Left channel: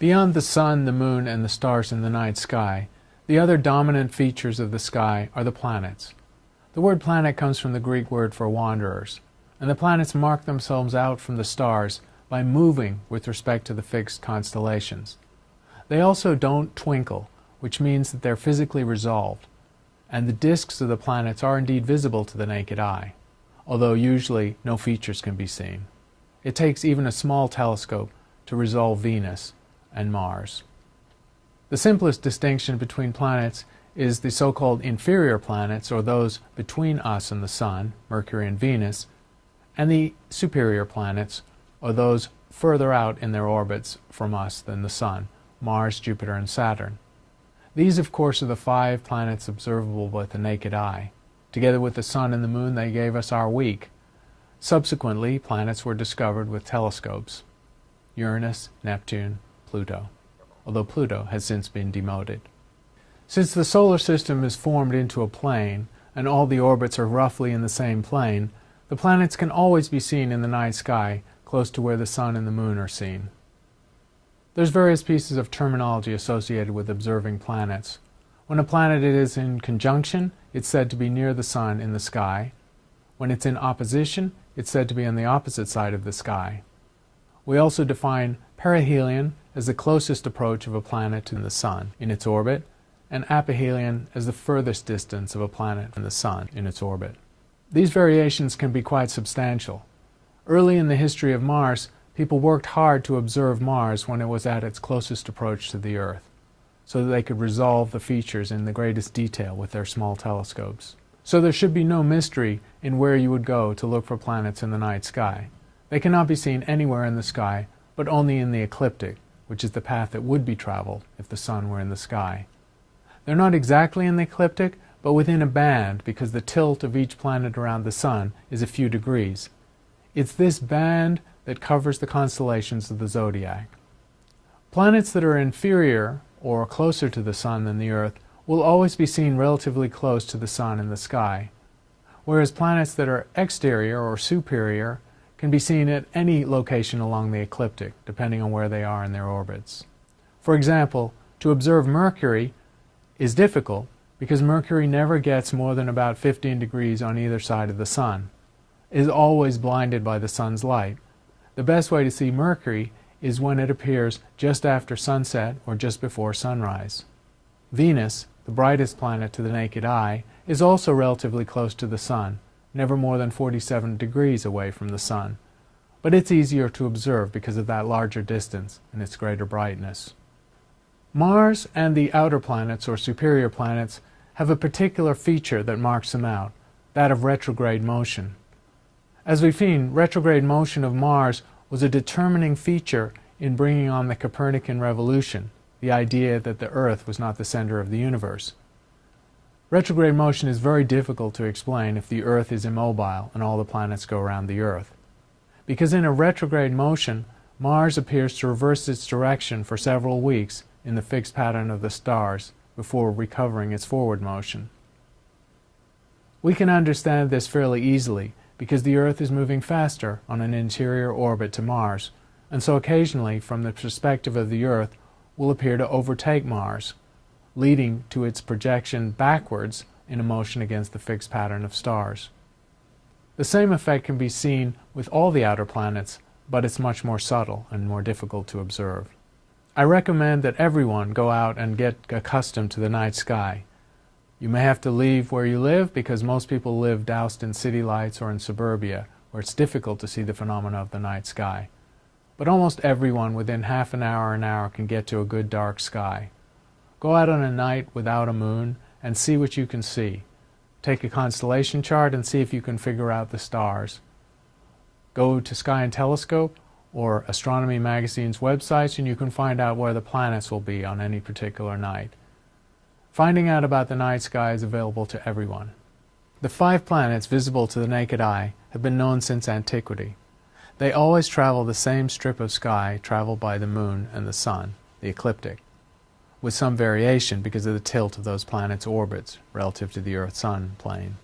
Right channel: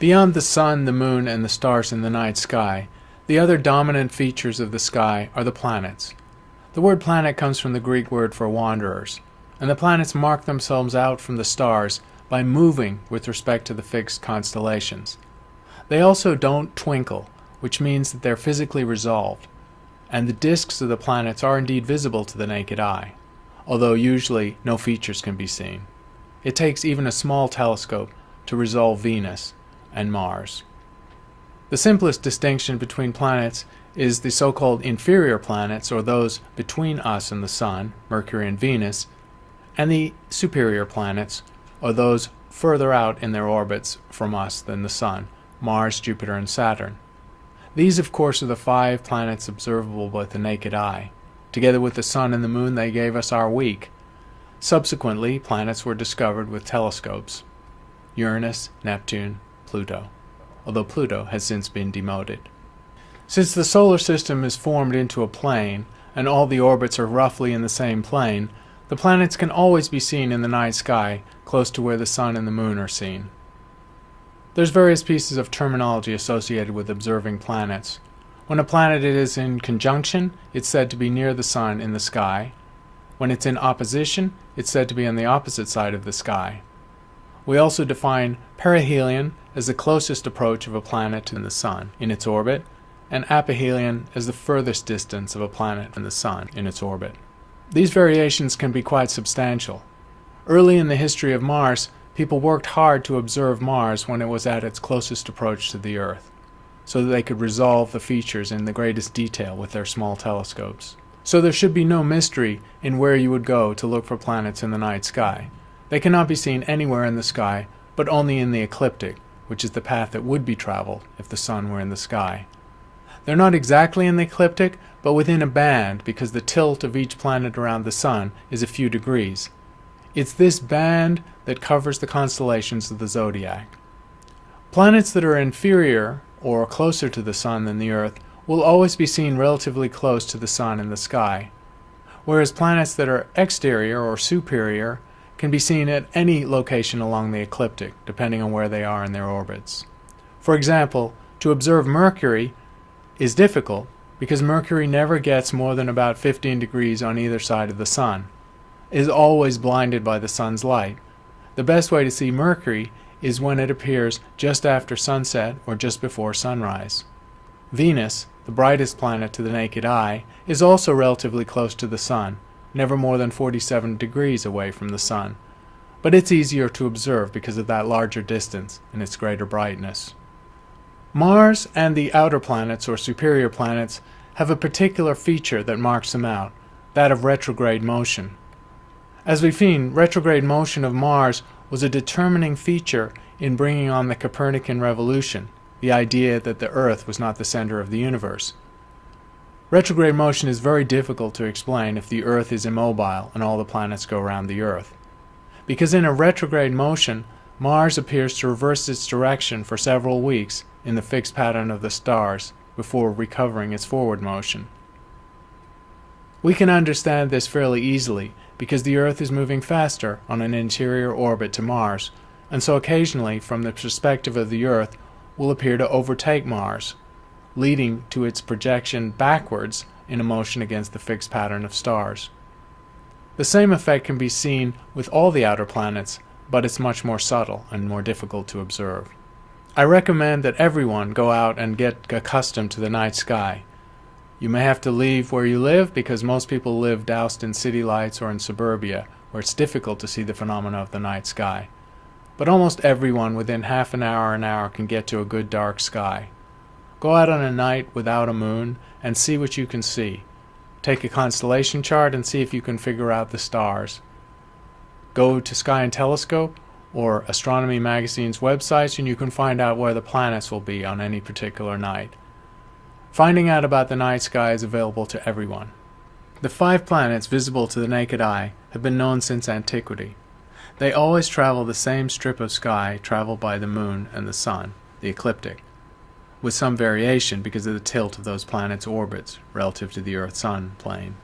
Beyond the sun, the moon, and the stars in the night sky, the other dominant features of the sky are the planets. The word planet comes from the Greek word for wanderers, and the planets mark themselves out from the stars by moving with respect to the fixed constellations. They also don't twinkle, which means that they're physically resolved, and the disks of the planets are indeed visible to the naked eye, although usually no features can be seen. It takes even a small telescope to resolve Venus and Mars. The simplest distinction between planets is the so-called inferior planets, or those between us and the Sun, Mercury and Venus, and the superior planets, or those further out in their orbits from us than the Sun, Mars, Jupiter, and Saturn. These, of course, are the 5 planets observable with the naked eye. Together with the Sun and the Moon, they gave us our week. Subsequently, planets were discovered with telescopes: Uranus, Neptune, Pluto, although Pluto has since been demoted. Since the solar system is formed into a plane, and all the orbits are roughly in the same plane, the planets can always be seen in the night sky, close to where the Sun and the Moon are seen. There's various pieces of terminology associated with observing planets. When a planet is in conjunction, it's said to be near the Sun in the sky. When it's in opposition, it's said to be on the opposite side of the sky. We also define perihelion as the closest approach of a planet to the Sun in its orbit, and aphelion as the furthest distance of a planet from the Sun in its orbit. These variations can be quite substantial. Early in the history of Mars, people worked hard to observe Mars when it was at its closest approach to the Earth, so that they could resolve the features in the greatest detail with their small telescopes. So there should be no mystery in where you would go to look for planets in the night sky. They cannot be seen anywhere in the sky, but only in the ecliptic, which is the path that would be traveled if the Sun were in the sky. They're not exactly in the ecliptic, but within a band, because the tilt of each planet around the Sun is a few degrees. It's this band that covers the constellations of the zodiac. Planets that are inferior or closer to the Sun than the Earth will always be seen relatively close to the Sun in the sky, whereas planets that are exterior or superior can be seen at any location along the ecliptic, depending on where they are in their orbits. For example, to observe Mercury is difficult because Mercury never gets more than about 15 degrees on either side of the Sun. It is always blinded by the Sun's light. The best way to see Mercury is when it appears just after sunset or just before sunrise. Venus, the brightest planet to the naked eye, is also relatively close to the Sun, never more than 47 degrees away from the Sun, but it's easier to observe because of that larger distance and its greater brightness. Mars and the outer planets, or superior planets, have a particular feature that marks them out, that of retrograde motion. As we've seen, retrograde motion of Mars was a determining feature in bringing on the Copernican revolution, the idea that the Earth was not the center of the universe. Retrograde motion is very difficult to explain if the Earth is immobile and all the planets go around the Earth. Because in a retrograde motion, Mars appears to reverse its direction for several weeks in the fixed pattern of the stars before recovering its forward motion. We can understand this fairly easily because the Earth is moving faster on an interior orbit to Mars, and so occasionally, from the perspective of the Earth, will appear to overtake Mars, leading to its projection backwards in a motion against the fixed pattern of stars. The same effect can be seen with all the outer planets, but it's much more subtle and more difficult to observe. I recommend that everyone go out and get accustomed to the night sky. You may have to leave where you live because most people live doused in city lights or in suburbia, where it's difficult to see the phenomena of the night sky. But almost everyone within half an hour can get to a good dark sky. Go out on a night without a moon and see what you can see. Take a constellation chart and see if you can figure out the stars. Go to Sky and Telescope or Astronomy Magazine's websites and you can find out where the planets will be on any particular night. Finding out about the night sky is available to everyone. The 5 planets visible to the naked eye have been known since antiquity. They always travel the same strip of sky traveled by the Moon and the Sun, the ecliptic, with some variation because of the tilt of those planets' orbits relative to the Earth-Sun plane.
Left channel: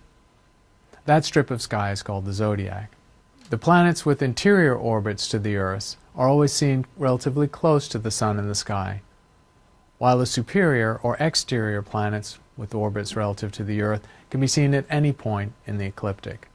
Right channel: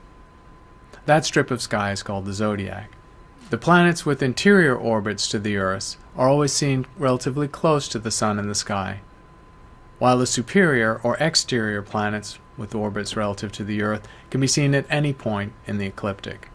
That strip of sky is called the zodiac. The planets with interior orbits to the Earth are always seen relatively close to the Sun in the sky, while the superior or exterior planets with orbits relative to the Earth can be seen at any point in the ecliptic.